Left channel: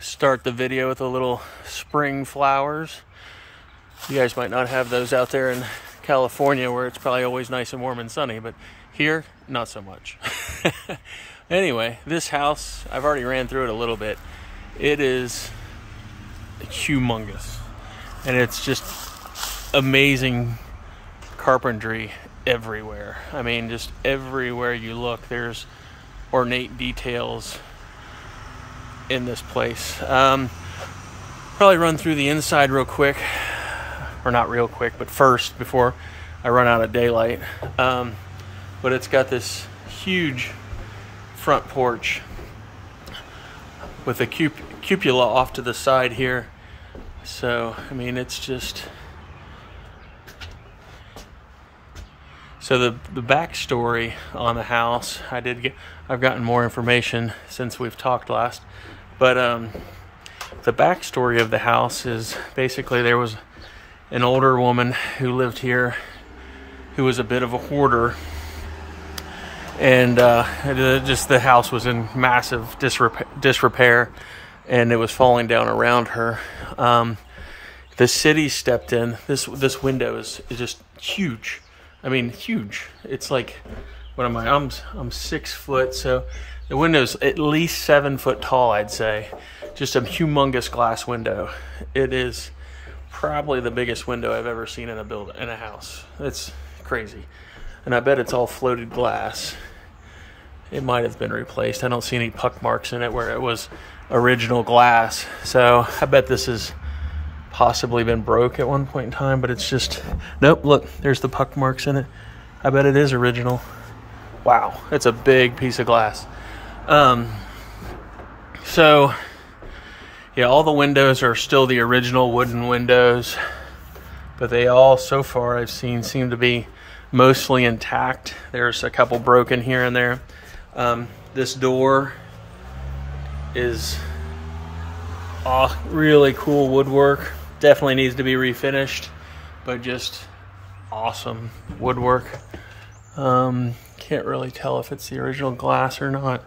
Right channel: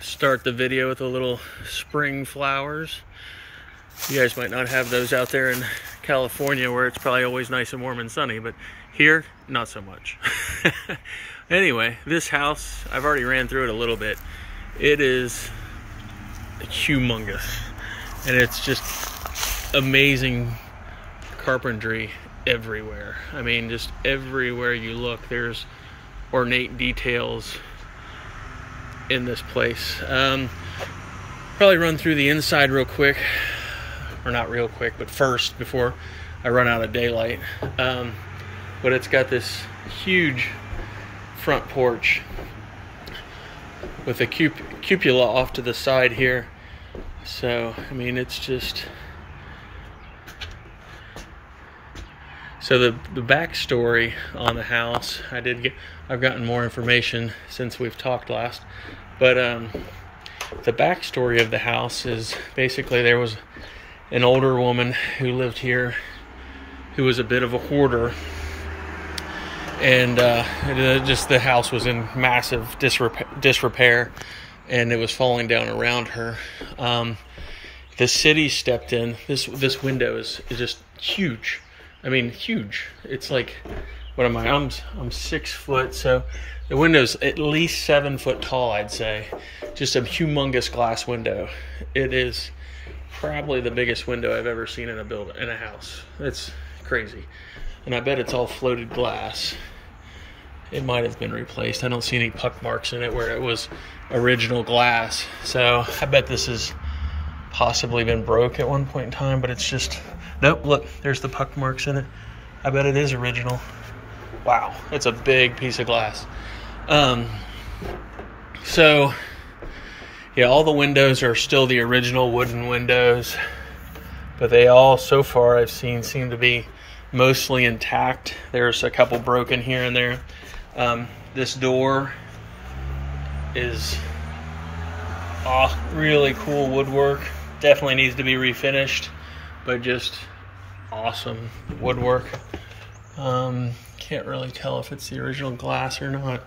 Start the video with a little spring flowers. You guys might not have those out there in California where it's probably always nice and warm and sunny, but here, not so much. Anyway, this house, I've already ran through it a little bit. It is humongous, and it's just amazing carpentry everywhere. I mean, just everywhere you look, there's ornate details in this place. Probably run through the inside real quick, or not real quick, but first, before I run out of daylight. But it's got this huge front porch with a cupola off to the side here. So, I mean, it's just... So the backstory on the house, I've gotten more information since we've talked last, but the backstory of the house is basically there was an older woman who lived here who was a bit of a hoarder, and just the house was in massive disrepair, and it was falling down around her. The city stepped in. This window is just huge. I mean, huge. It's like, what am I? I'm 6 foot, so the window's at least 7 foot tall, I'd say. Just a humongous glass window. It is probably the biggest window I've ever seen in a house. It's crazy. And I bet it's all floated glass. It might have been replaced. I don't see any puck marks in it where it was original glass. So I bet this has possibly been broke at one point in time, but it's just, nope, look, there's the puck marks in it. I bet it is original. Wow, that's a big piece of glass. So yeah, all the windows are still the original wooden windows, but they all, so far I've seen, seem to be mostly intact. There's a couple broken here and there. This door is really cool woodwork. Definitely needs to be refinished, but just awesome woodwork. Can't really tell if it's the original glass or not.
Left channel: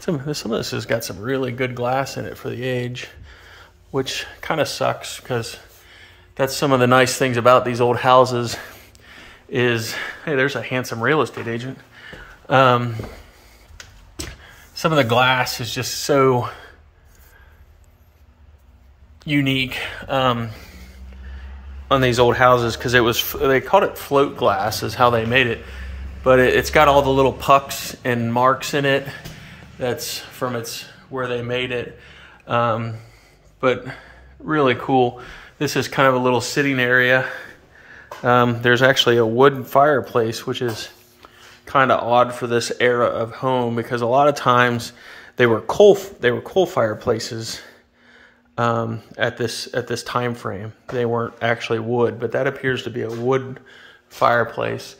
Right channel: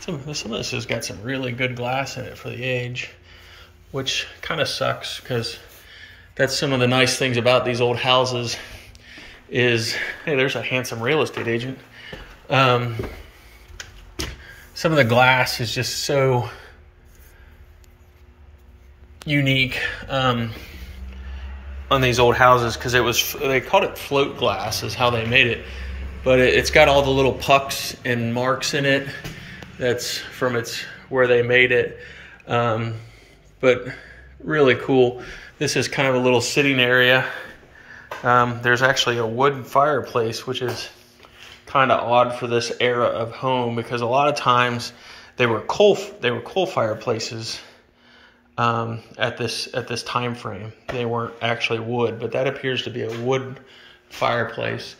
Some of this has got some really good glass in it for the age, which kind of sucks, because that's some of the nice things about these old houses is, hey, there's a handsome real estate agent. Some of the glass is just so unique on these old houses, because they called it float glass is how they made it, but it's got all the little pucks and marks in it. That's from where they made it. But really cool. This is kind of a little sitting area. There's actually a wood fireplace, which is kind of odd for this era of home, because a lot of times they were coal fireplaces at this time frame. They weren't actually wood, but that appears to be a wood fireplace.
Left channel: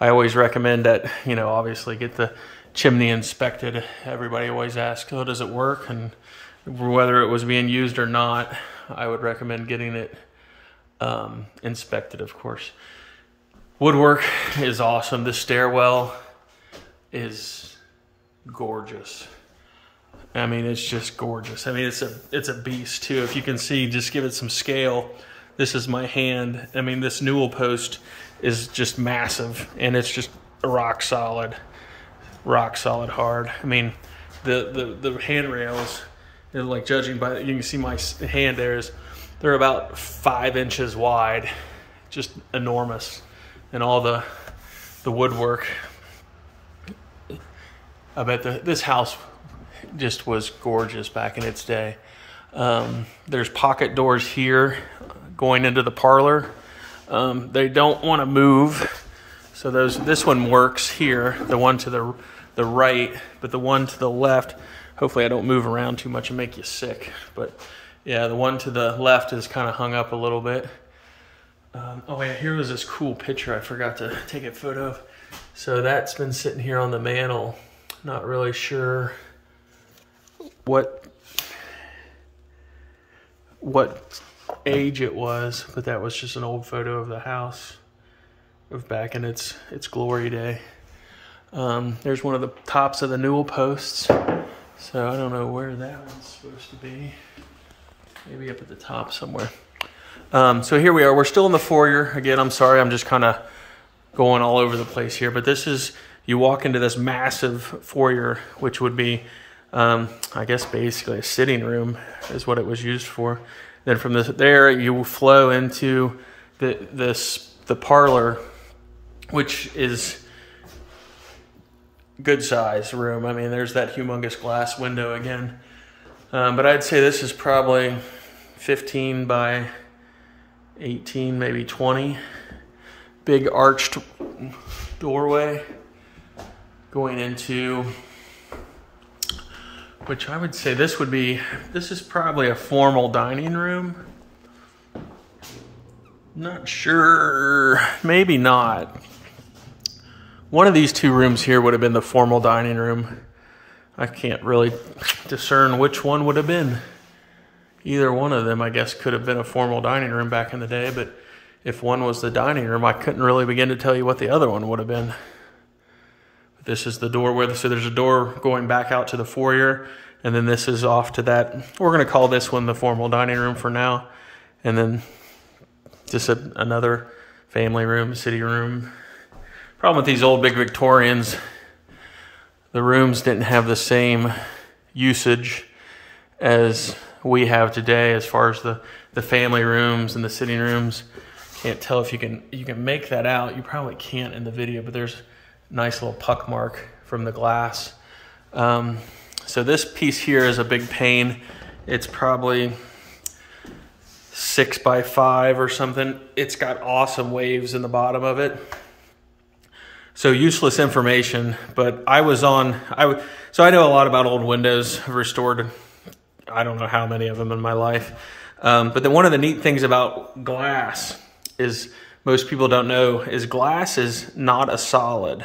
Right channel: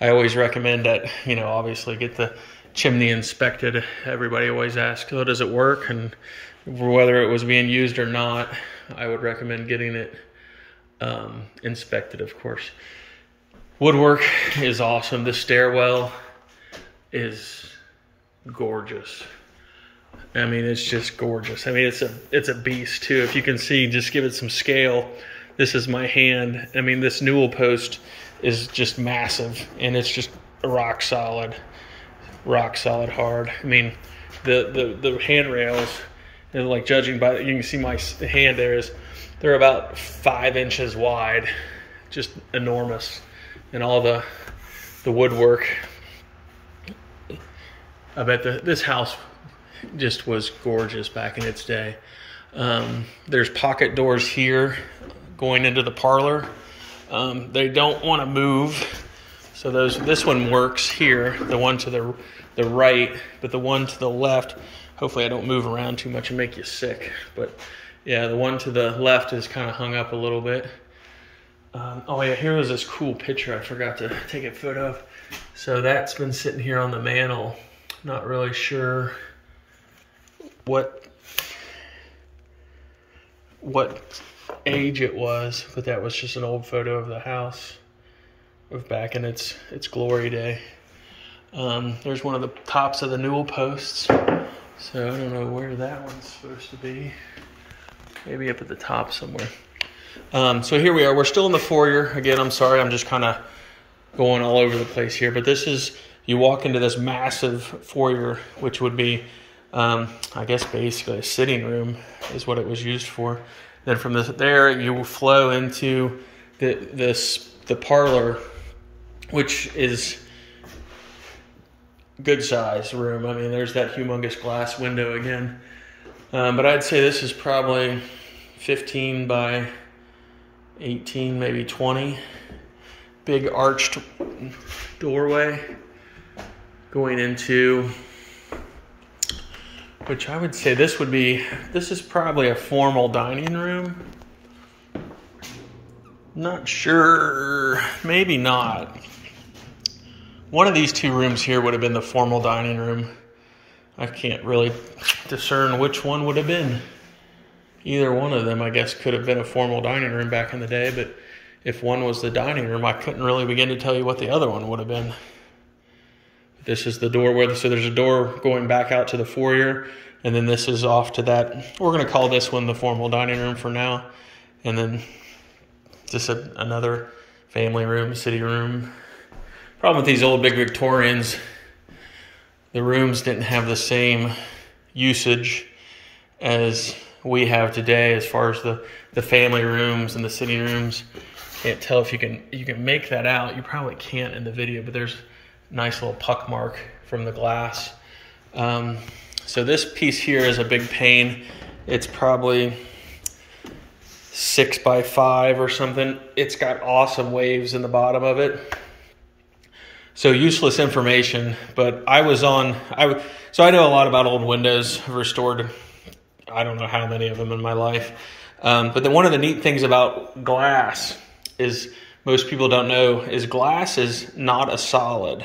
I always recommend that, you know, obviously get the chimney inspected. Everybody always asks, oh, does it work? And whether it was being used or not, I would recommend getting it inspected, of course. Woodwork is awesome. This stairwell is gorgeous. I mean, it's just gorgeous. I mean, it's a beast too. If you can see, just give it some scale. This is my hand. I mean, this newel post is just massive, and it's just rock solid hard. I mean, the handrails, like, judging by, you can see my hand there, they're about 5 inches wide, just enormous. And all the woodwork, I bet this house just was gorgeous back in its day. There's pocket doors here going into the parlor. They don't want to move, so this one works here, the one to the right, but the one to the left, hopefully I don't move around too much and make you sick, but yeah, the one to the left is kind of hung up a little bit. Oh yeah, here was this cool picture I forgot to take a photo of. So that's been sitting here on the mantle. Not really sure what age it was, but that was just an old photo of the house of back in its glory day. There's one of the tops of the newel posts. So I don't know where that one's supposed to be. Maybe up at the top somewhere. So here we are. We're still in the foyer. Again, I'm sorry. I'm just kind of going all over the place here. But this is, you walk into this massive foyer, which would be, I guess, basically a sitting room is what it was used for. Then from there, you flow into the parlor, which is good size room. I mean, there's that humongous glass window again. But I'd say this is probably 15 by 18, maybe 20. Big arched doorway going into, which I would say this is probably a formal dining room. Not sure, maybe not. One of these two rooms here would have been the formal dining room. I can't really discern which one would have been. Either one of them, I guess, could have been a formal dining room back in the day, but if one was the dining room, I couldn't really begin to tell you what the other one would have been. This is the door so there's a door going back out to the foyer, and then this is off to that. We're going to call this one the formal dining room for now, and then just another family room, city room. Problem with these old big Victorians, the rooms didn't have the same usage as we have today as far as the family rooms and the sitting rooms. Can't tell if you can make that out. You probably can't in the video, but there's a nice little puck mark from the glass. So this piece here is a big pane. It's probably 6 by 5 or something. It's got awesome waves in the bottom of it. So useless information, but I know a lot about old windows. I've restored, I don't know how many of them in my life. But then one of the neat things about glass is, most people don't know, is glass is not a solid,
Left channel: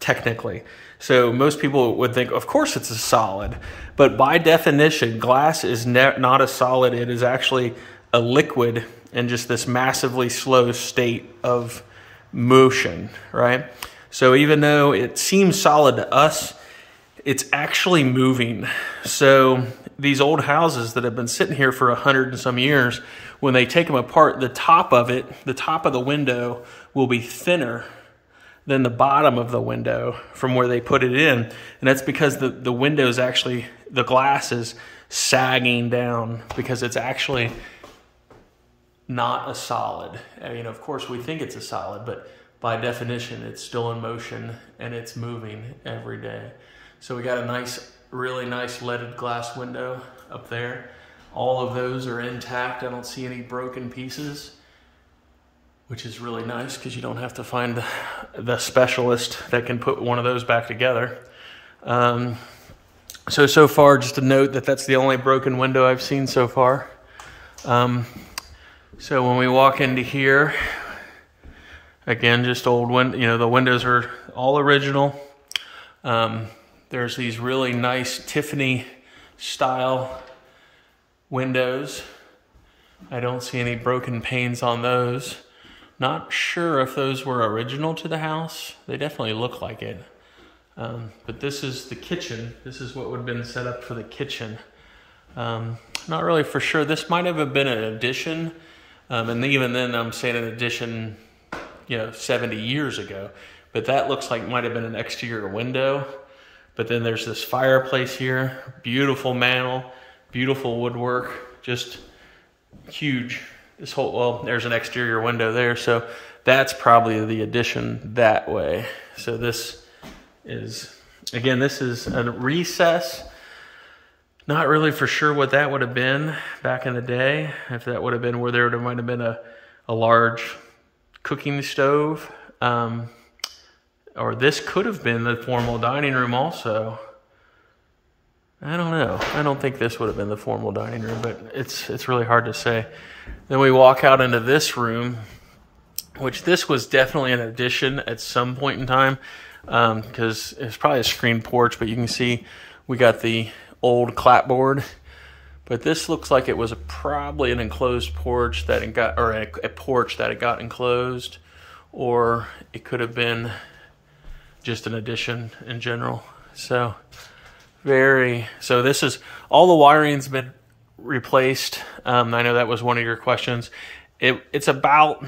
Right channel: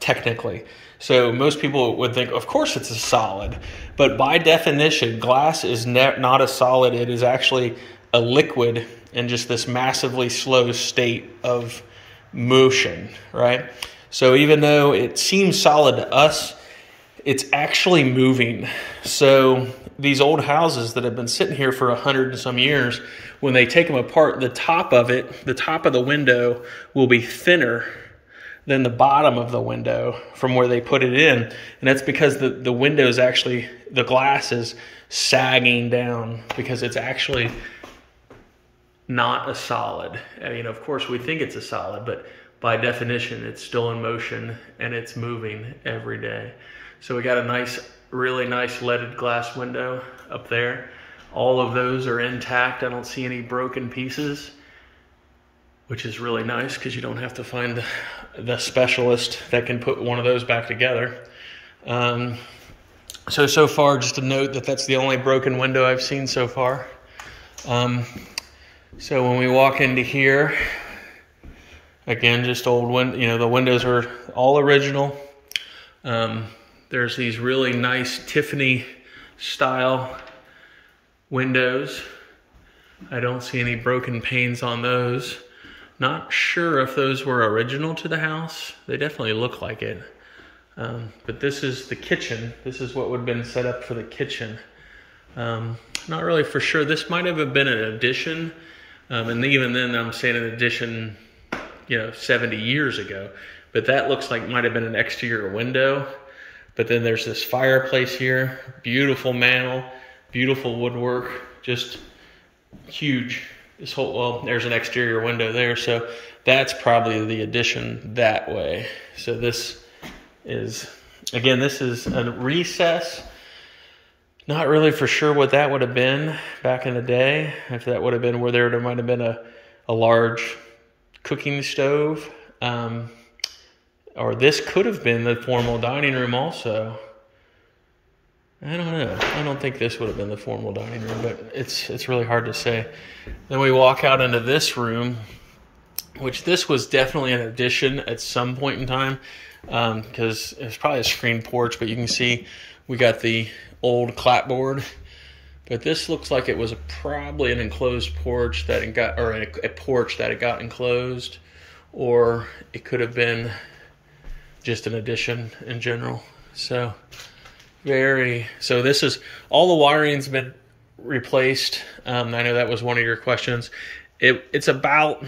technically. So most people would think, of course it's a solid, but by definition, glass is not a solid. It is actually a liquid in just this massively slow state of motion, right? So even though it seems solid to us, it's actually moving. So these old houses that have been sitting here for 100 and some years, when they take them apart, the top of the window will be thinner than the bottom of the window from where they put it in. And that's because the window is actually, the glass is sagging down because it's actually not a solid. I mean, of course we think it's a solid, but by definition it's still in motion and it's moving every day. So we got a really nice leaded glass window up there. All of those are intact. I don't see any broken pieces, which is really nice because you don't have to find the specialist that can put one of those back together. So far, just a note that that's the only broken window I've seen so far. So when we walk into here, again, just old window. The windows are all original. There's these really nice Tiffany style windows. I don't see any broken panes on those. Not sure if those were original to the house. They definitely look like it. But this is the kitchen. This is what would have been set up for the kitchen. Not really for sure. This might have been an addition. And even then, I'm saying an addition, 70 years ago. But that looks like might have been an exterior window. But then there's this fireplace here. Beautiful mantel, beautiful woodwork, just huge. There's an exterior window there. So that's probably the addition that way. So this is, again, this is a recess. Not really for sure what that would have been back in the day. If that would have been where there might have been a large cooking stove. Or this could have been the formal dining room also. I don't know. I don't think this would have been the formal dining room, but it's really hard to say. Then we walk out into this room, which this was definitely an addition at some point in time, because it's probably a screen porch, but you can see we got the old clapboard. But this looks like it was probably an enclosed porch that it got, or a porch that it got enclosed, or it could have been just an addition in general. So So this is, all the wiring's been replaced. I know that was one of your questions. It's about,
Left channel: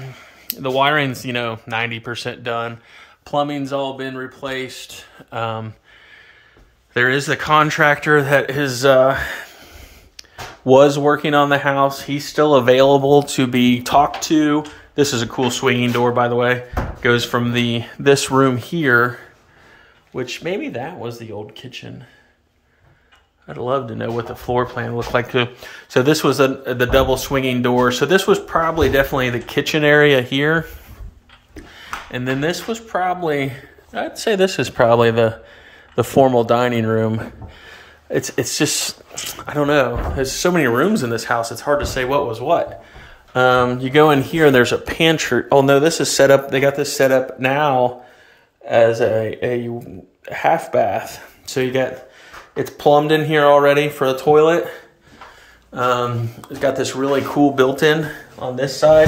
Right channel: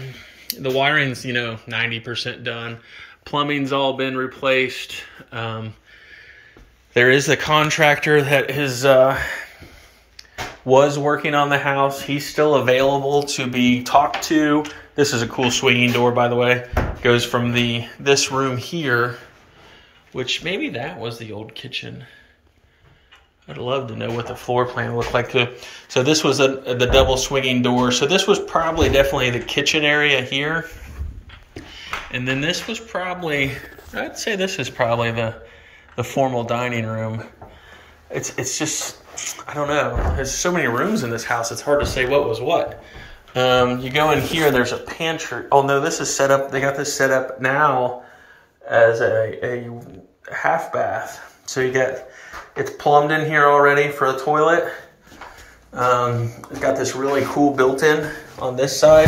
the wiring's, 90% done. Plumbing's all been replaced. There is the contractor that was working on the house. He's still available to be talked to. This is a cool swinging door, by the way. Goes from this room here, which maybe that was the old kitchen. I'd love to know what the floor plan looked like too. So this was the double swinging door. So this was probably definitely the kitchen area here. And then this was probably, I'd say this is probably the formal dining room. It's just, I don't know. There's so many rooms in this house, it's hard to say what was what. You go in here and there's a pantry. Oh no, this is set up, they got this set up now as a half bath. So you got, it's plumbed in here already for the toilet. It's got this really cool built-in on this side.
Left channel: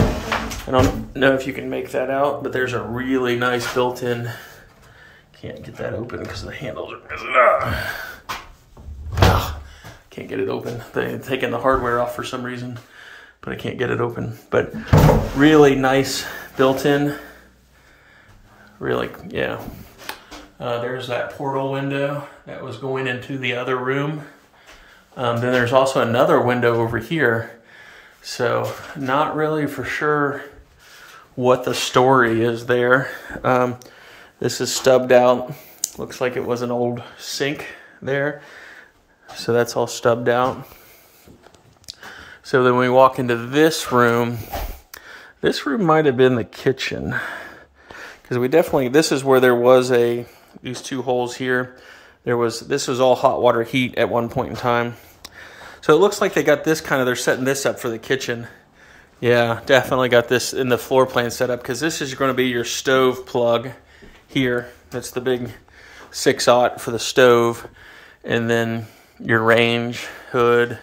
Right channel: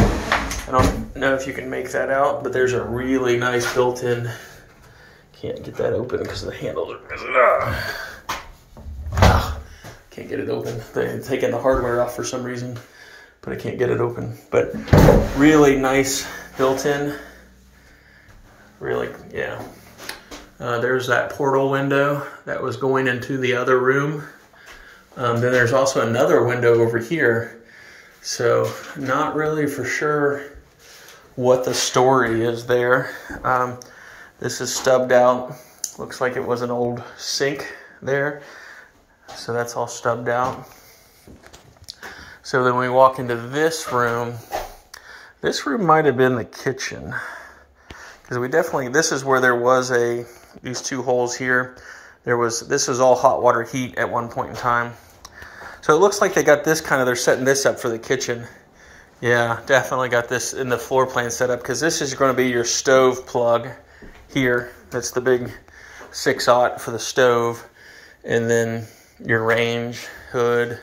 I don't know if you can make that out, but there's a really nice built-in. Can't get that open because the handles are... Can't get it open. They've taken the hardware off for some reason, but I can't get it open. But really nice built-in. Really, yeah. There's that portal window that was going into the other room. Then there's also another window over here. So not really for sure what the story is there. This is stubbed out. Looks like it was an old sink there. So that's all stubbed out. So then we walk into this room. This room might have been the kitchen. Because we definitely, this is where there was these two holes here. This was all hot water heat at one point in time. So it looks like they got this they're setting this up for the kitchen. Yeah, definitely got this in the floor plan set up because this is going to be your stove plug here. That's the big 6-aught for the stove. And then your range, hood,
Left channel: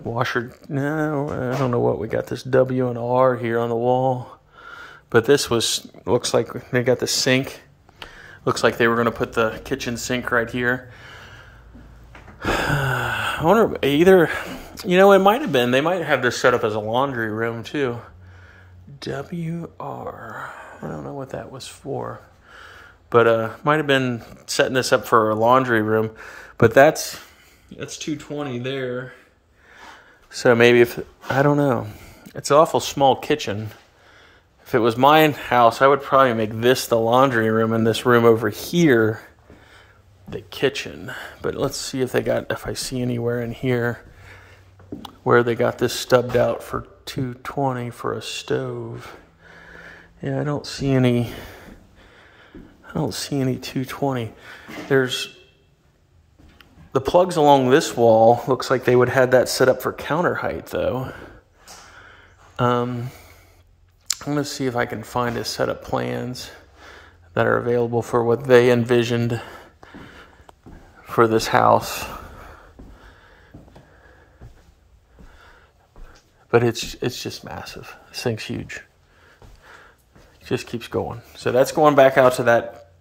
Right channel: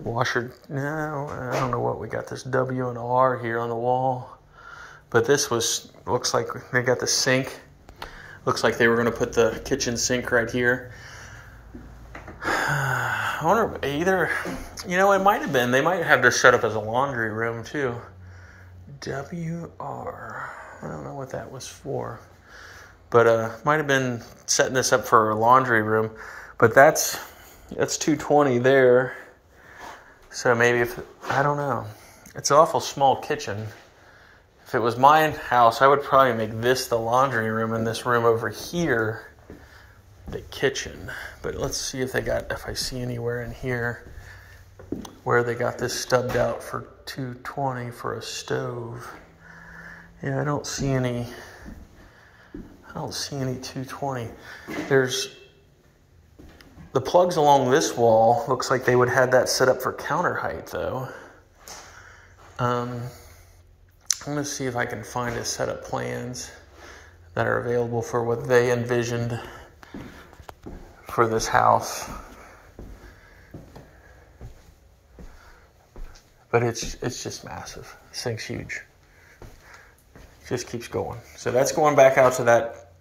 washer. No, I don't know what we got. This W and R here on the wall. But this looks like they got the sink. Looks like they were going to put the kitchen sink right here. I wonder, either, it might have been, they might have this set up as a laundry room too. WR, I don't know what that was for. But might have been setting this up for a laundry room. But that's 220 there. So maybe I don't know. It's an awful small kitchen. If it was my house, I would probably make this the laundry room and this room over here the kitchen. But let's see if I see anywhere in here where they got this stubbed out for 220 for a stove. Yeah, I don't see any 220. There's the plugs along this wall. Looks like they would have that set up for counter height though. I'm going to see if I can find a set of plans that are available for what they envisioned for this house. But it's just massive. This thing's huge. It just keeps going. So that's going back out to that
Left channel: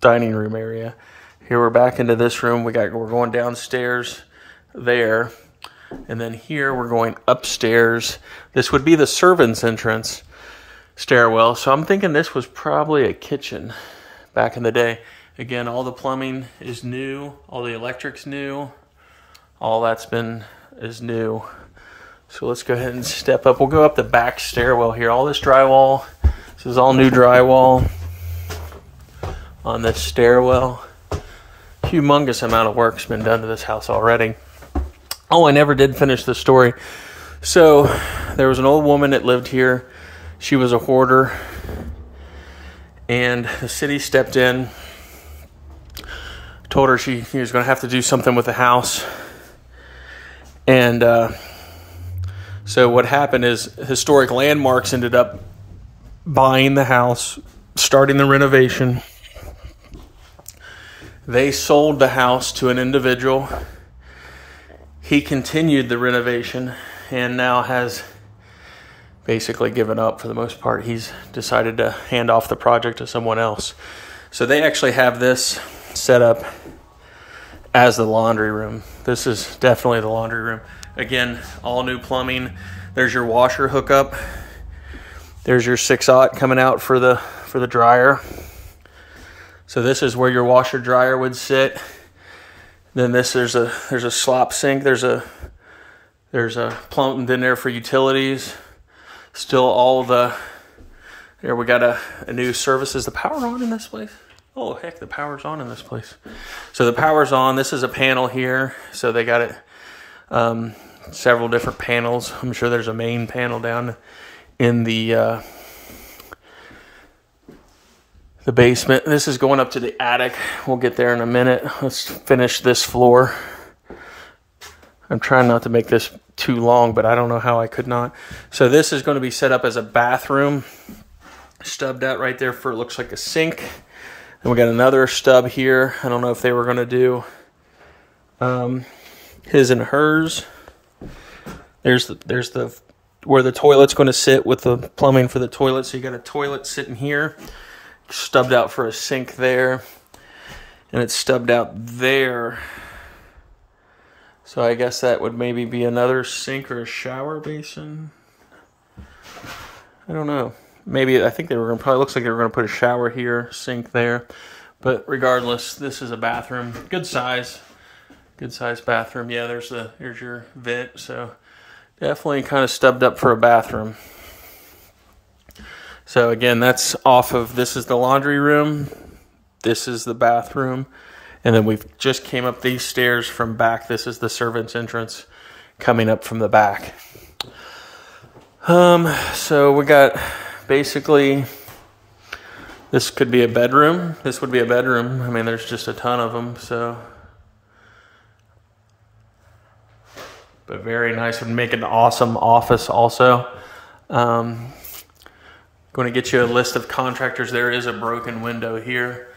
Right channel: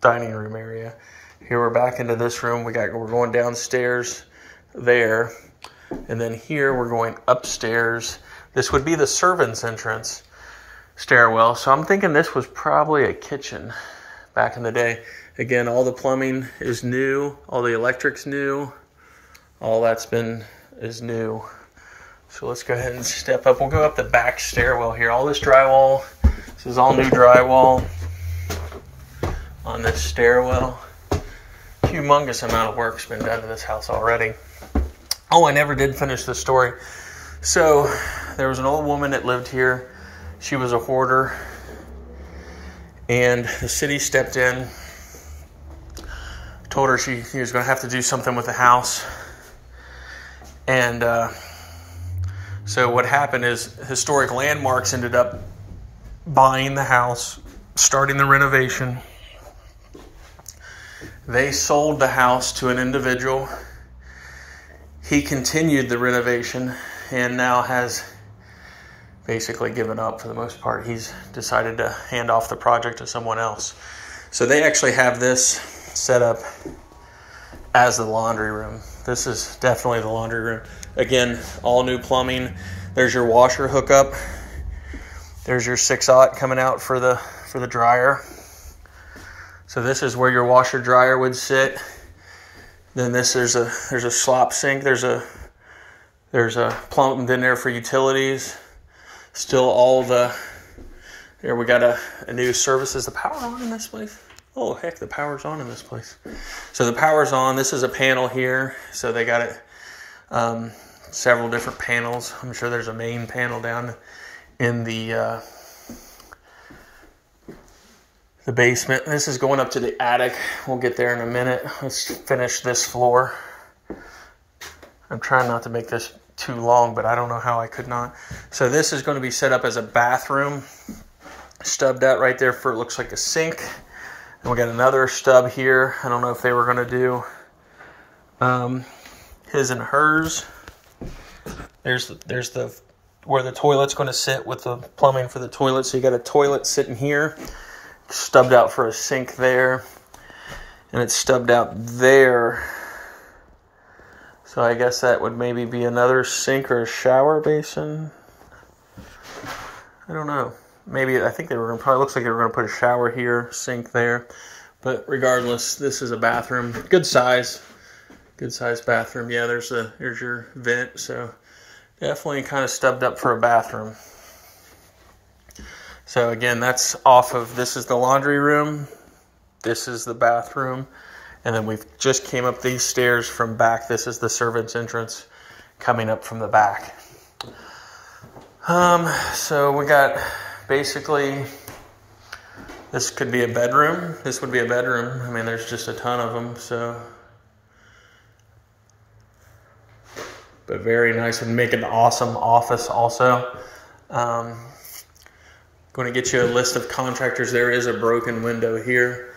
dining room area. Here we're back into this room. We're going downstairs there. And then here we're going upstairs. This would be the servants' entrance stairwell. So I'm thinking this was probably a kitchen back in the day. Again, all the plumbing is new. All the electric's new. All that's is new. So let's go ahead and step up. We'll go up the back stairwell here. All this drywall. This is all new drywall on this stairwell. Humongous amount of work's been done to this house already. Oh, I never did finish the story. So there was an old woman that lived here. She was a hoarder. And the city stepped in, told her she was going to have to do something with the house. And so what happened is Historic Landmarks ended up buying the house, starting the renovation. They sold the house to an individual. He continued the renovation and now has basically given up for the most part. He's decided to hand off the project to someone else. So they actually have this set up as the laundry room. This is definitely the laundry room. Again, all new plumbing. There's your washer hookup. There's your 6/0 coming out for the dryer. So this is where your washer dryer would sit. Then there's a slop sink. There's a plumbed in there for utilities. Still all the, there we got a new service. Is the power on in this place? Oh heck, the power's on in this place. So the power's on. This is a panel here. So they got it several different panels. I'm sure there's a main panel down in the basement. This is going up to the attic. We'll get there in a minute. Let's finish this floor. I'm trying not to make this too long, but I don't know how I could not. So this is going to be set up as a bathroom. Stubbed out right there for, it looks like a sink. And we got another stub here. I don't know if they were going to do his and hers. There's the where the toilet's going to sit with the plumbing for the toilet. So you got a toilet sitting here, stubbed out for a sink there, and it's stubbed out there. So I guess that would maybe be another sink or a shower basin. I don't know. Maybe, I think they were going to, probably looks like they were going to put a shower here, sink there. But regardless, this is a bathroom. Good size bathroom. Yeah, there's your vent. So definitely kind of stubbed up for a bathroom. So again, that's off of, this is the laundry room. This is the bathroom. And then we've just came up these stairs from back. This is the servant's entrance coming up from the back. So we got basically, this could be a bedroom. This would be a bedroom. I mean, there's just a ton of them. So, but very nice. Would make an awesome office also. Going to get you a list of contractors. There is a broken window here,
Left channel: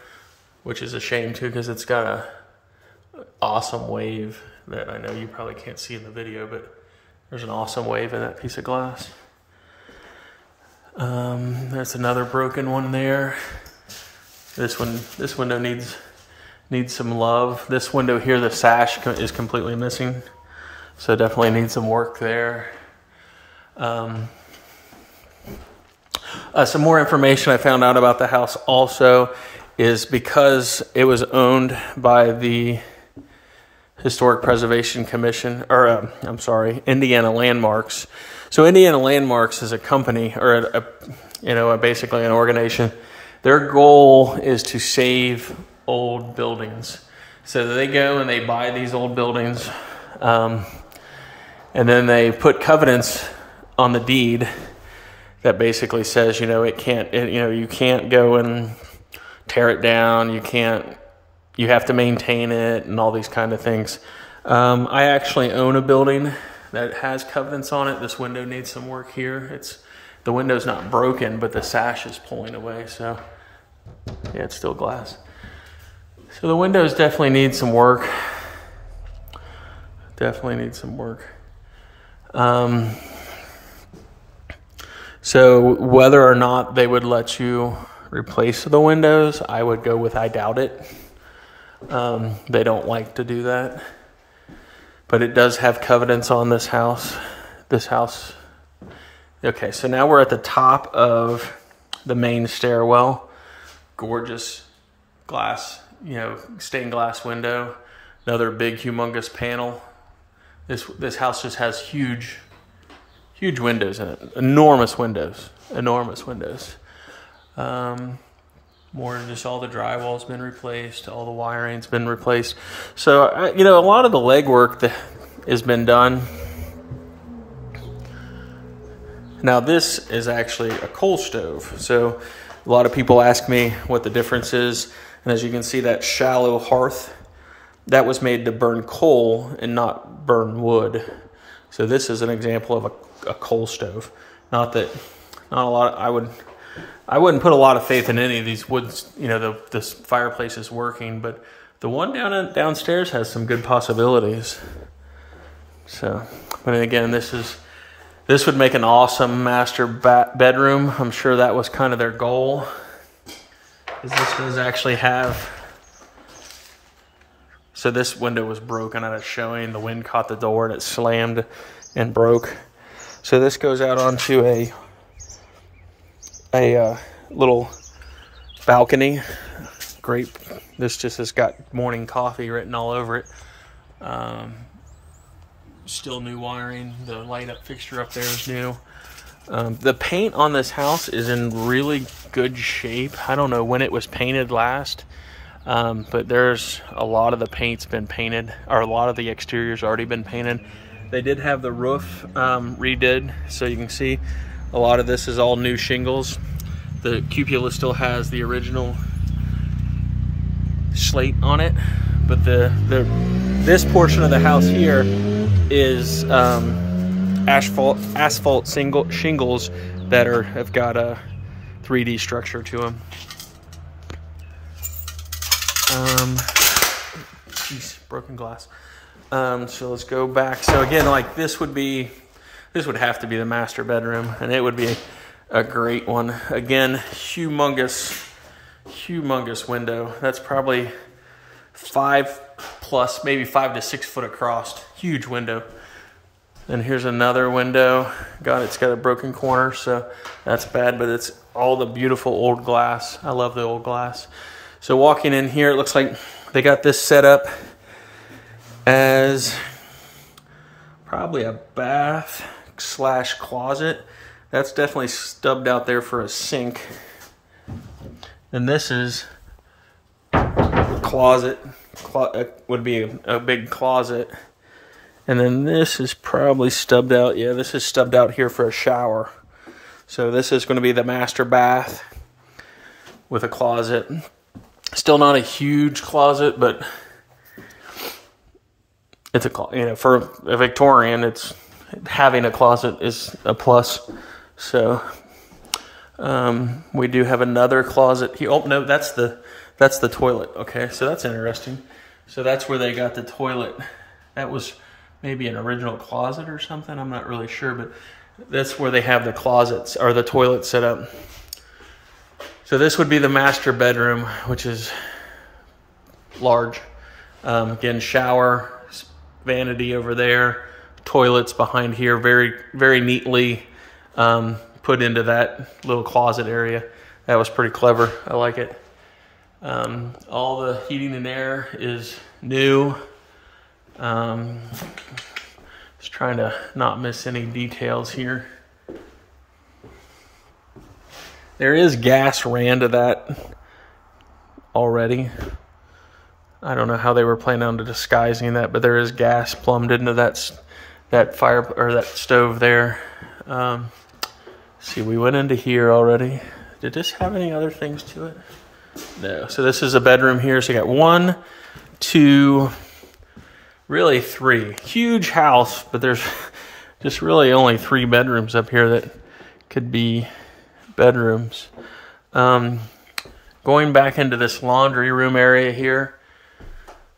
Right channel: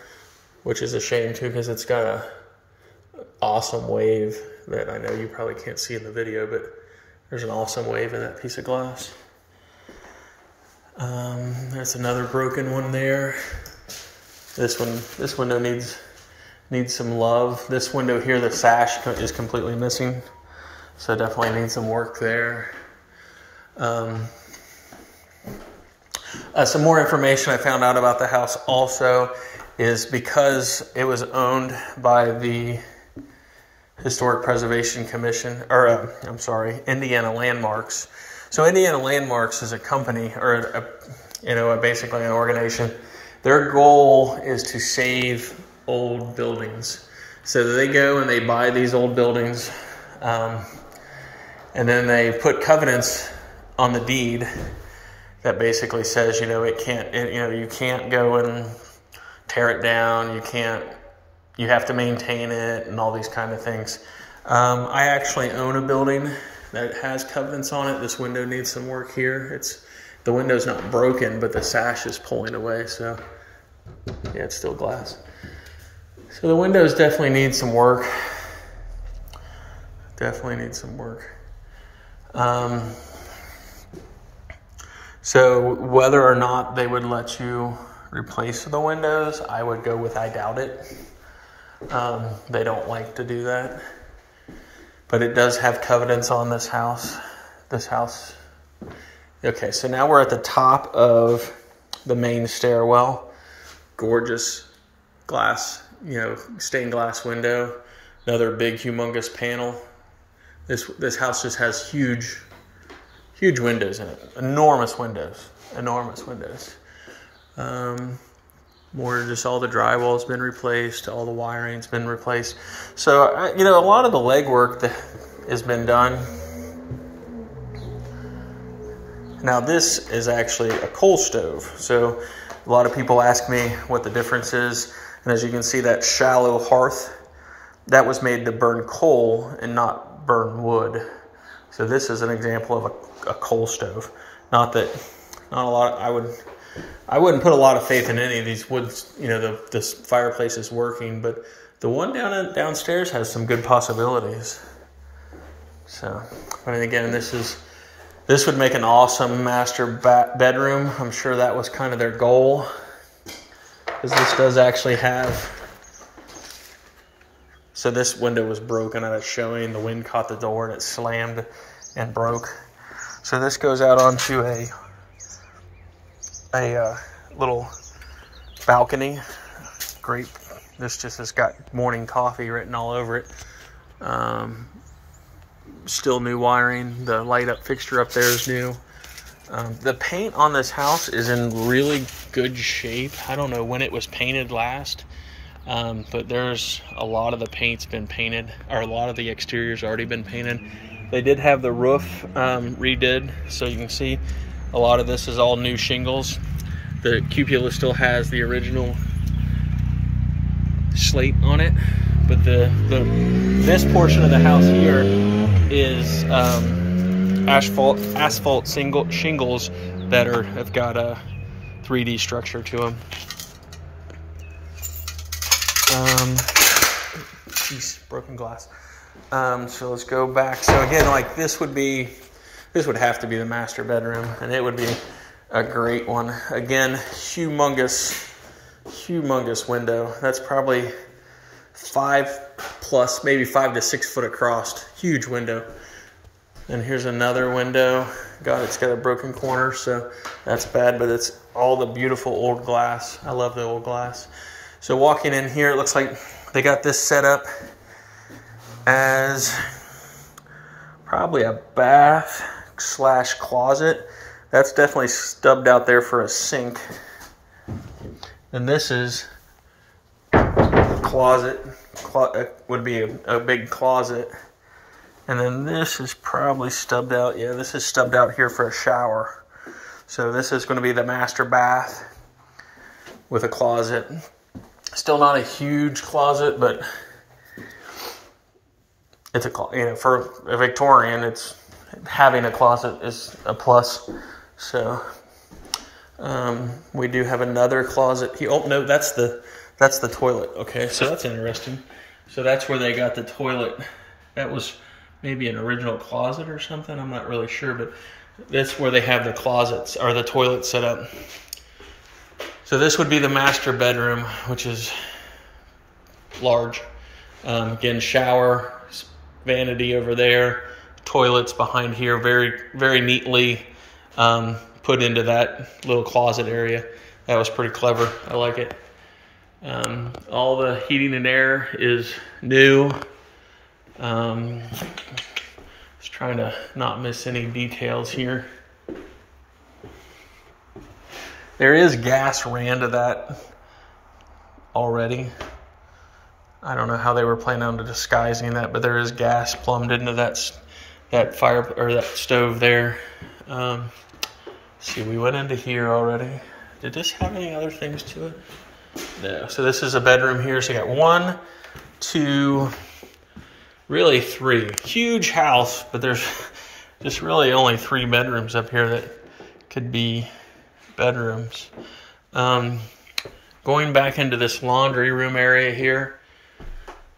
which is a shame too, because it's got a awesome wave that I know you probably can't see in the video, but there's an awesome wave in that piece of glass. That's another broken one there. This window needs some love. This window here, the sash is completely missing, so definitely needs some work there. Some more information I found out about the house also is because it was owned by the Historic Preservation Commission, or I'm sorry, Indiana Landmarks. So Indiana Landmarks is a company, or basically an organization. Their goal is to save old buildings. So they go and they buy these old buildings, and then they put covenants on the deed that basically says, you can't go and tear it down. You have to maintain it and all these kind of things. I actually own a building that has covenants on it. This window needs some work here. The window's not broken, but the sash is pulling away. So yeah, it's still glass. So the windows definitely need some work. Definitely need some work. So whether or not they would let you replace the windows, I would go with I doubt it. They don't like to do that. But it does have covenants on this house. Okay, so now we're at the top of the main stairwell. Gorgeous glass, stained glass window. Another big, humongous panel. This house just has huge windows in it. Enormous windows. More just all the drywall's been replaced, all the wiring's been replaced. So, a lot of the legwork that has been done. Now this is actually a coal stove. So a lot of people ask me what the difference is. And as you can see, that shallow hearth, that was made to burn coal and not burn wood. So this is an example of a coal stove. I wouldn't put a lot of faith in any of these woods, this fireplace is working, but the one downstairs has some good possibilities. So, but again, this would make an awesome master bedroom. I'm sure that was kind of their goal, because this does actually have So this window was broken at a showing. The wind caught the door and it slammed and broke. So this goes out onto a little balcony. Great. This just has got morning coffee written all over it. Still new wiring. The light up fixture up there is new. The paint on this house is in really good shape. I don't know when it was painted last, but there's a lot of the paint's been painted, or a lot of the exterior's already been painted. They did have the roof redid, so you can see a lot of this is all new shingles. The cupola still has the original slate on it, but this portion of the house here is asphalt shingles that have got a 3D structure to them. Geez, broken glass. So let's go back. So again, like this would have to be the master bedroom, and it would be a great one. Again, humongous window. That's probably 5+, maybe 5 to 6 foot across. Huge window. And here's another window. God, it's got a broken corner, so that's bad, but it's all the beautiful old glass. I love the old glass. So walking in here, it looks like they got this set up as probably a bath / closet. That's definitely stubbed out there for a sink. And this is a closet. Would be a big closet. And then this is probably stubbed out. Yeah, this is stubbed out here for a shower. So this is going to be the master bath with a closet. Still not a huge closet, but it's for a Victorian, it's having a closet is a plus. So we do have another closet. Oh no, that's the toilet. Okay, so that's interesting. So that's where they got the toilet. That was maybe an original closet or something. I'm not really sure, but that's where they have the closets or the toilet set up. So this would be the master bedroom, which is large. Again, shower, vanity over there, toilets behind here, very, very neatly put into that little closet area. That was pretty clever. I like it. All the heating and air is new. Just trying to not miss any details here. There is gas ran to that already. I don't know how they were planning on disguising that, but there is gas plumbed into that fire or that stove there. See, we went into here already. Did this have any other things to it? No. So this is a bedroom here. So you got 1, 2, really 3. Huge house, but there's just really only 3 bedrooms up here that could be bedrooms. Going back into this laundry room area here,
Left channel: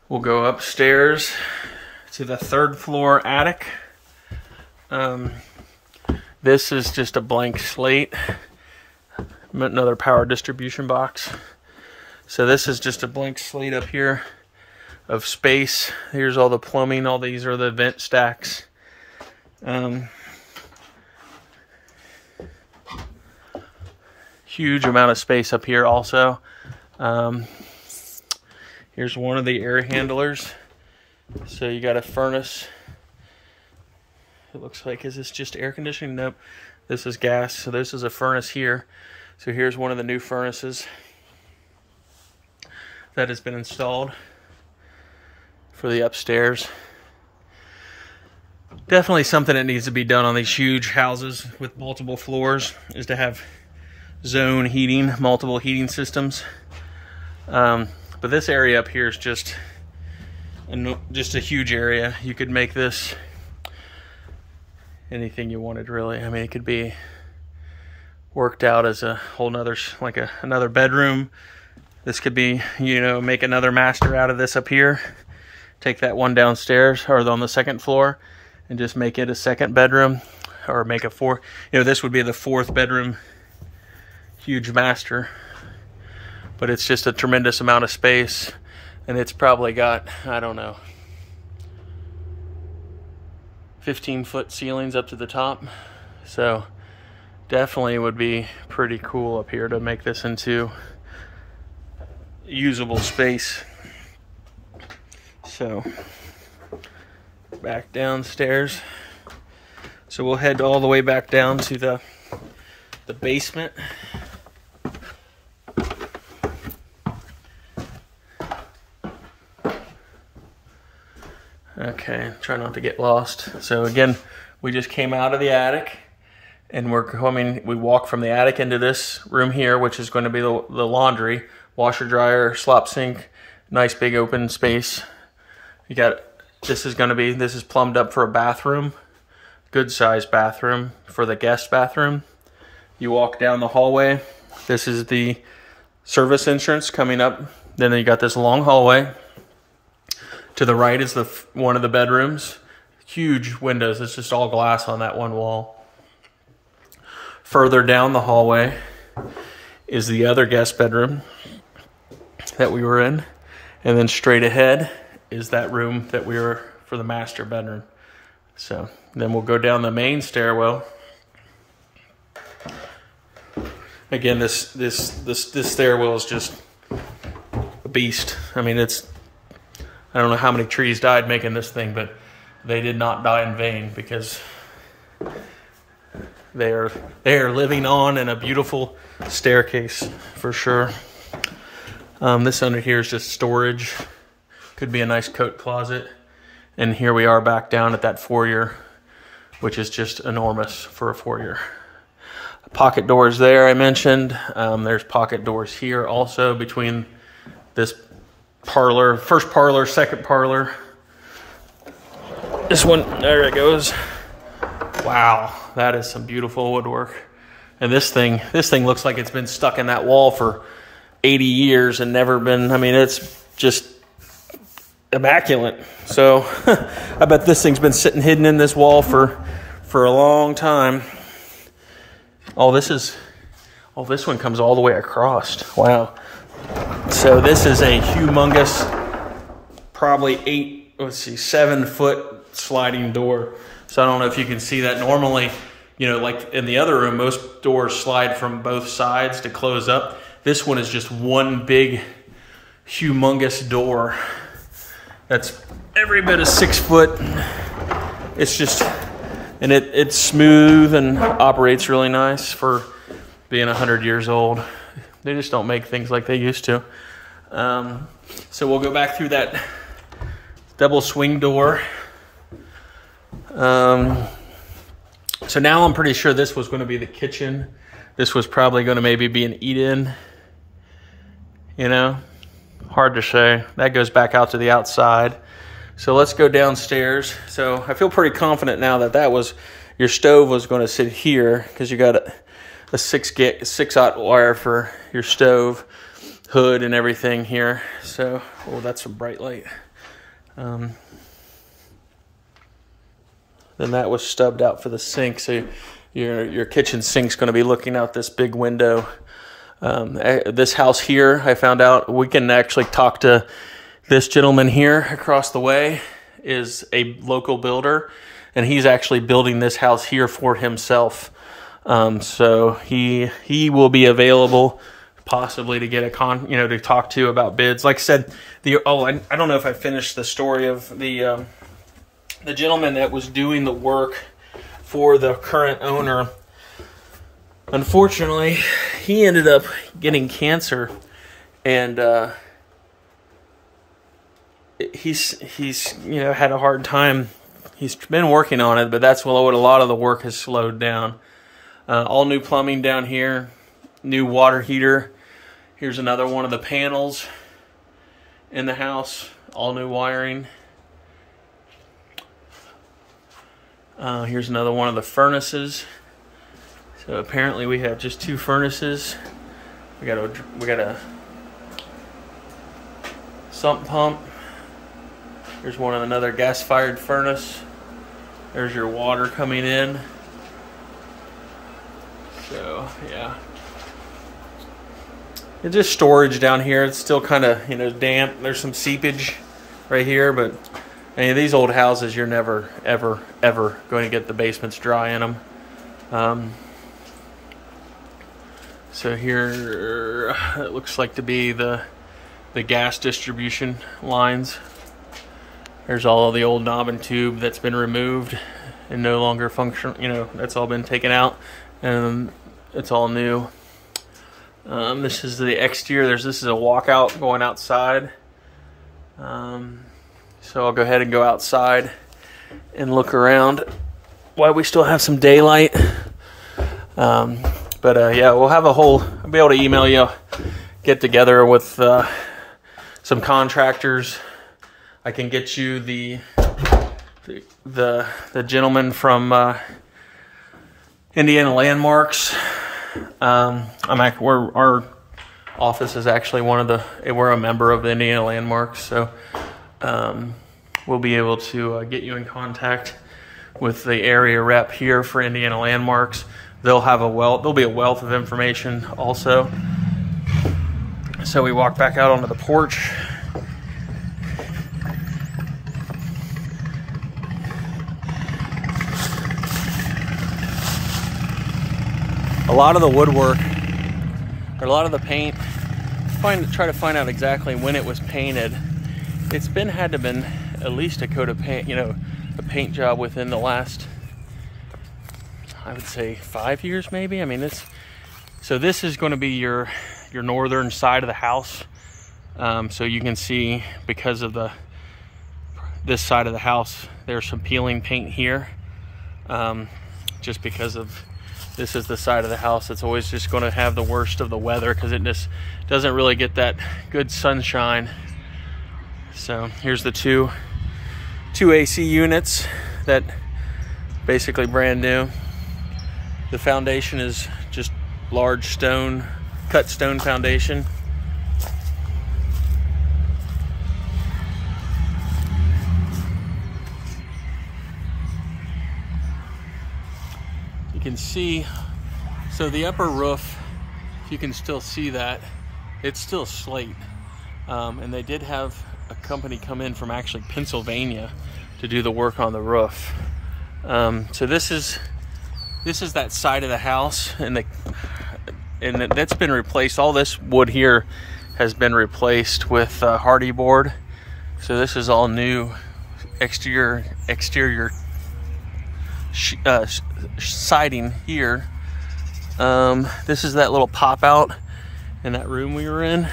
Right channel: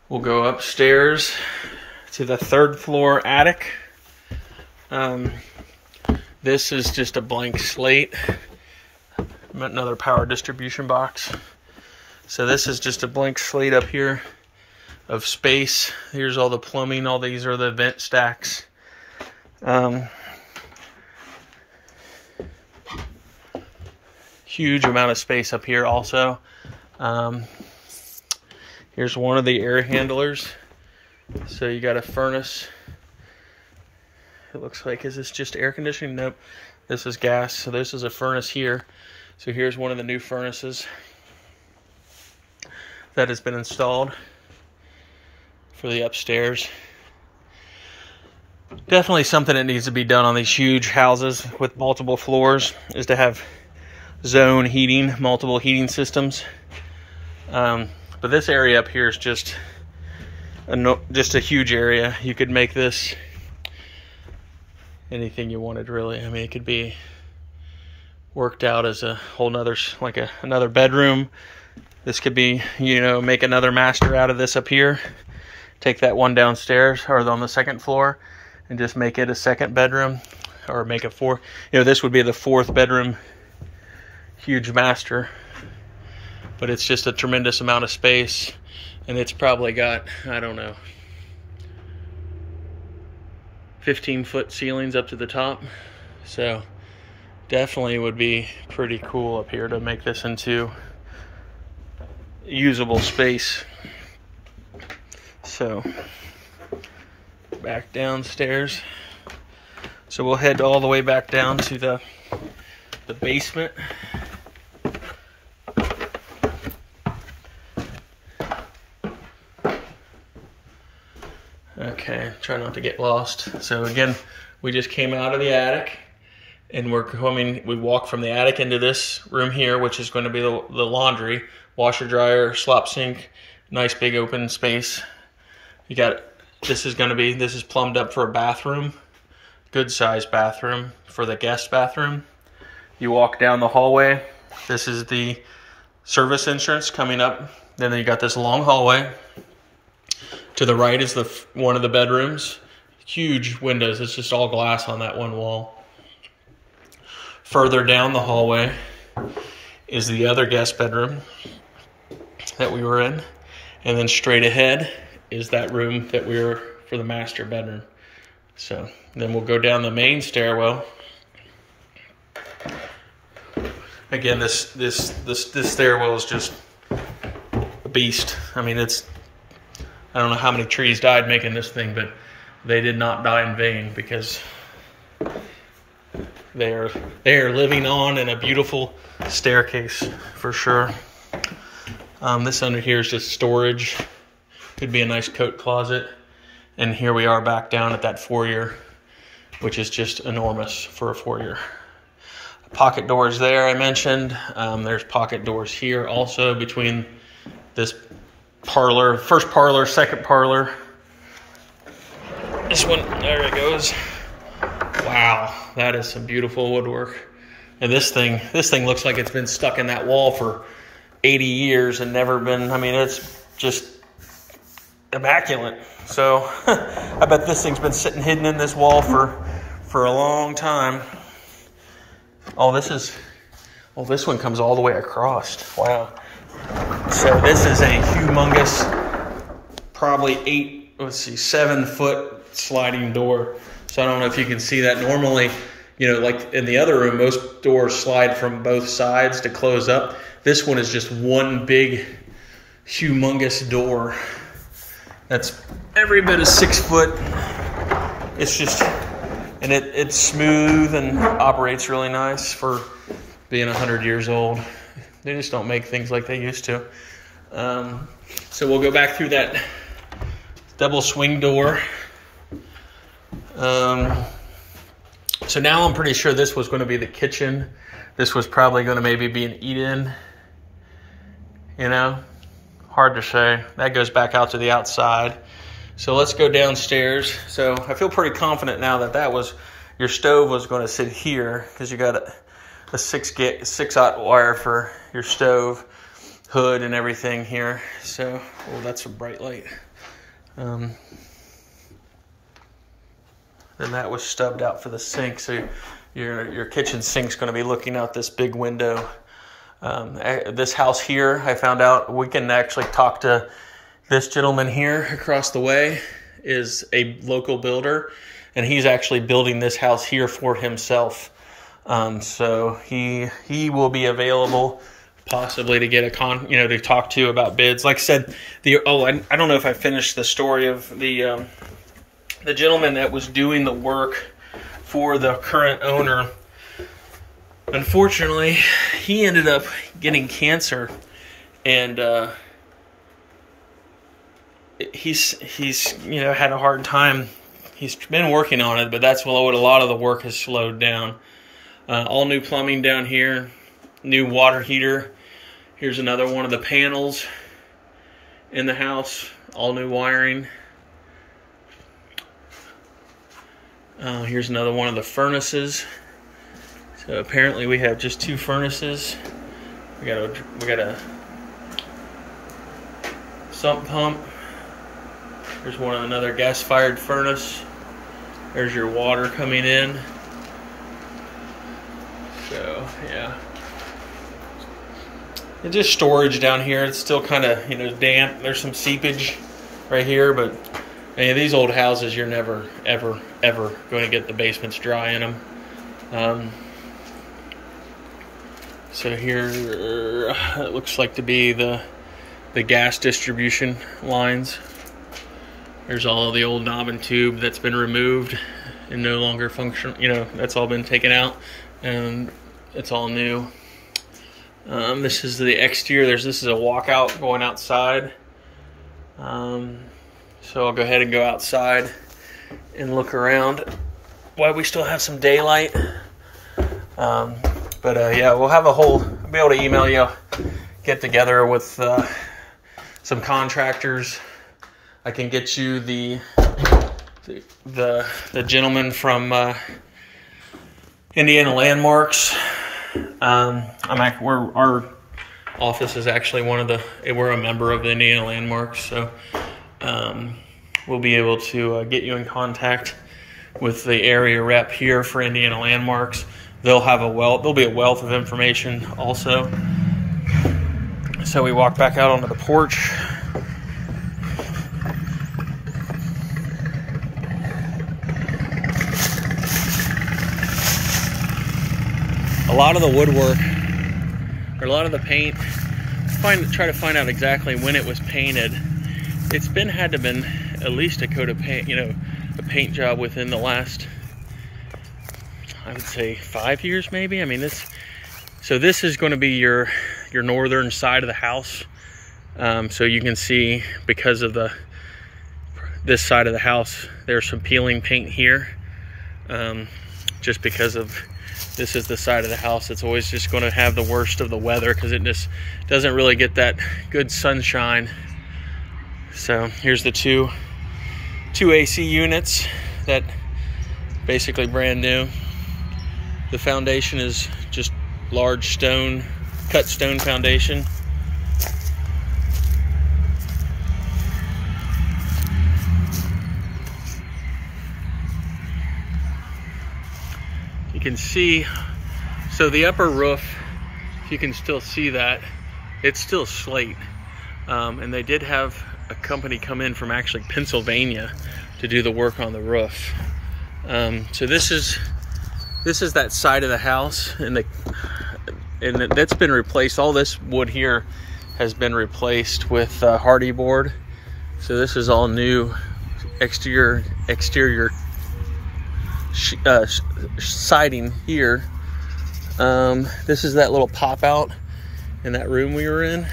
we'll go upstairs to the 3rd floor attic. This is just a blank slate. Another power distribution box. So this is just a blank slate up here of space. Here's all the plumbing. All these are the vent stacks. Huge amount of space up here also. Here's one of the air handlers. So you got a furnace. It looks like, is this just air conditioning? Nope. This is gas. So this is a furnace here. So here's one of the new furnaces that has been installed for the upstairs. Definitely something that needs to be done on these huge houses with multiple floors is to have zone heating, multiple heating systems. But this area up here is just a huge area. You could make this anything you wanted, really. I mean, it could be worked out as a whole nother, like another bedroom. This could be, you know, make another master out of this up here. Take that one downstairs or on the 2nd floor and just make it a 2nd bedroom, or make a 4th. You know, this would be the 4th bedroom, huge master. But it's just a tremendous amount of space. And it's probably got, I don't know, 15-foot ceilings up to the top. So definitely would be pretty cool up here to make this into usable space. So back downstairs. So we'll head all the way back down to the basement. Okay, try not to get lost. So again, we just came out of the attic, and we walk from the attic into this room here, which is going to be the laundry, washer, dryer, slop sink, nice big open space. This is plumbed up for a bathroom, good sized bathroom for the guest bathroom. You walk down the hallway. This is the service entrance coming up. Then you got this long hallway. To the right is one of the bedrooms. Huge windows. It's just all glass on that one wall. Further down the hallway is the other guest bedroom that we were in. And then straight ahead is that room that we were for the master bedroom. So then we'll go down the main stairwell. Again, this stairwell is just a beast. I mean, I don't know how many trees died making this thing, but they did not die in vain, because they are living on in a beautiful staircase for sure. This under here is just storage. Could be a nice coat closet. And here we are back down at that foyer, which is just enormous for a foyer. Pocket doors there, I mentioned. There's pocket doors here also between this parlor, first parlor, second parlor. This one, there it goes. Wow, that is some beautiful woodwork. And this thing looks like it's been stuck in that wall for 80 years and never been, I mean, it's just immaculate. So I bet this thing's been sitting hidden in this wall for a long time. Oh, this one comes all the way across. Wow. So this is a humongous, probably 7-foot sliding door. So I don't know if you can see that. Normally, like in the other room, most doors slide from both sides to close up. This one is just one big, humongous door. That's every bit of 6 foot. It's just, and it's smooth and operates really nice for being 100 years old. They just don't make things like they used to. So we'll go back through that double swing door. So now I'm pretty sure this was going to be the kitchen. This was probably going to maybe be an eat-in. Hard to say. That goes back out to the outside. So let's go downstairs. So I feel pretty confident now that your stove was going to sit here, because you got a 6-aught wire for your stove, hood and everything here. So, oh, that's a bright light. Then that was stubbed out for the sink. So your kitchen sink's going to be looking out this big window. This house here, I found out we can actually talk to this gentleman here across the way, is a local builder, and he's actually building this house here for himself. So he will be available possibly to get to talk to about bids. Like I said, I don't know if I finished the story of the gentleman that was doing the work for the current owner. Unfortunately, he ended up getting cancer, and he's had a hard time. He's been working on it, but that's what a lot of the work has slowed down. All new plumbing down here, new water heater. Here's another one of the panels in the house, all new wiring. Here's another one of the furnaces. So apparently we have just 2 furnaces. We got a sump pump. There's another gas-fired furnace. There's your water coming in. So yeah. It's just storage down here. It's still kind of, you know, damp. There's some seepage right here, but I mean, these old houses, you're never, ever, ever going to get the basements dry in them. So here it looks like to be the gas distribution lines. There's all of the old knob and tube that's been removed and no longer function. You know, that's all been taken out, and it's all new. This is the exterior. This is a walkout going outside. So I'll go ahead and go outside and look around while we still have some daylight. Yeah, we'll have I'll be able to email you, get together with some contractors. I can get you the gentleman from Indiana Landmarks. Our office is actually we're a member of the Indiana Landmarks, so we'll be able to get you in contact with the area rep here for Indiana Landmarks. There'll be a wealth of information also. So we walk back out onto the porch. A lot of the woodwork, or a lot of the paint, try to find out exactly when it was painted. It's had to have been at least a coat of paint, you know, a paint job within the last, I would say 5 years maybe. I mean, this is going to be your northern side of the house. So you can see, because of this side of the house, there's some peeling paint here. Just because of, this is the side of the house that's always just going to have the worst of the weather, because it just doesn't really get that good sunshine. So here's the two AC units that basically brand new. The foundation is just large cut stone foundation. You can see, so the upper roof, if you can still see that, it's still slate. And they did have a company come in from actually Pennsylvania to do the work on the roof. So this is that side of the house, and that's been replaced. All this wood here has been replaced with hardy board. So this is all new exterior siding here. This is that little pop out in that room we were in.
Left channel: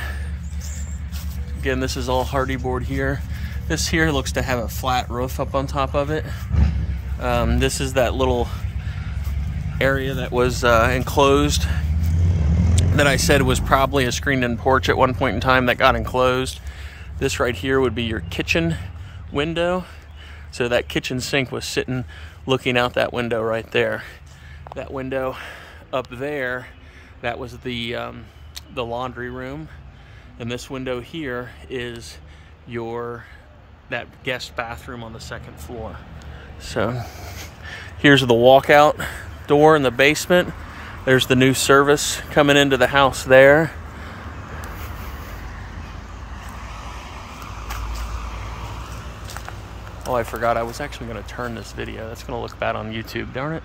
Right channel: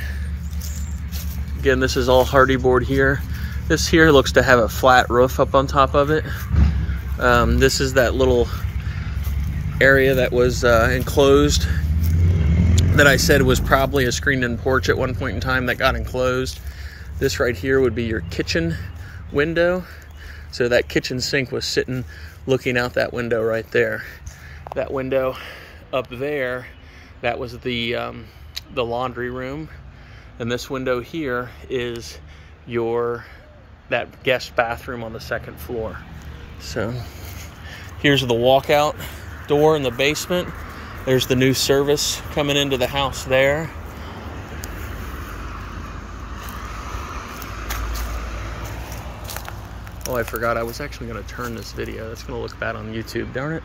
Again, this is all hardy board here. This here looks to have a flat roof up on top of it. This is that little area that was enclosed, that I said was probably a screened-in porch at one point in time that got enclosed. This right here would be your kitchen window. So that kitchen sink was sitting looking out that window right there. That window up there, that was the laundry room. And this window here is that guest bathroom on the second floor. So here's the walkout door in the basement. There's the new service coming into the house there. Oh, I forgot, I was actually going to turn this video. That's going to look bad on YouTube, darn it.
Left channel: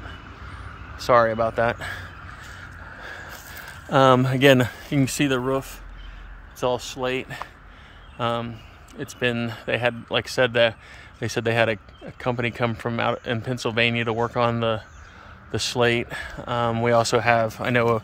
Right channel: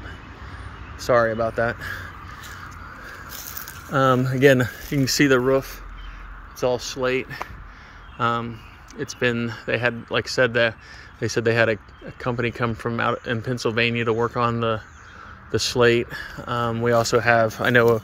Sorry about that. Again, you can see the roof. It's all slate. They had, like I said, they said they had a company come from out in Pennsylvania to work on the slate. We also have, I know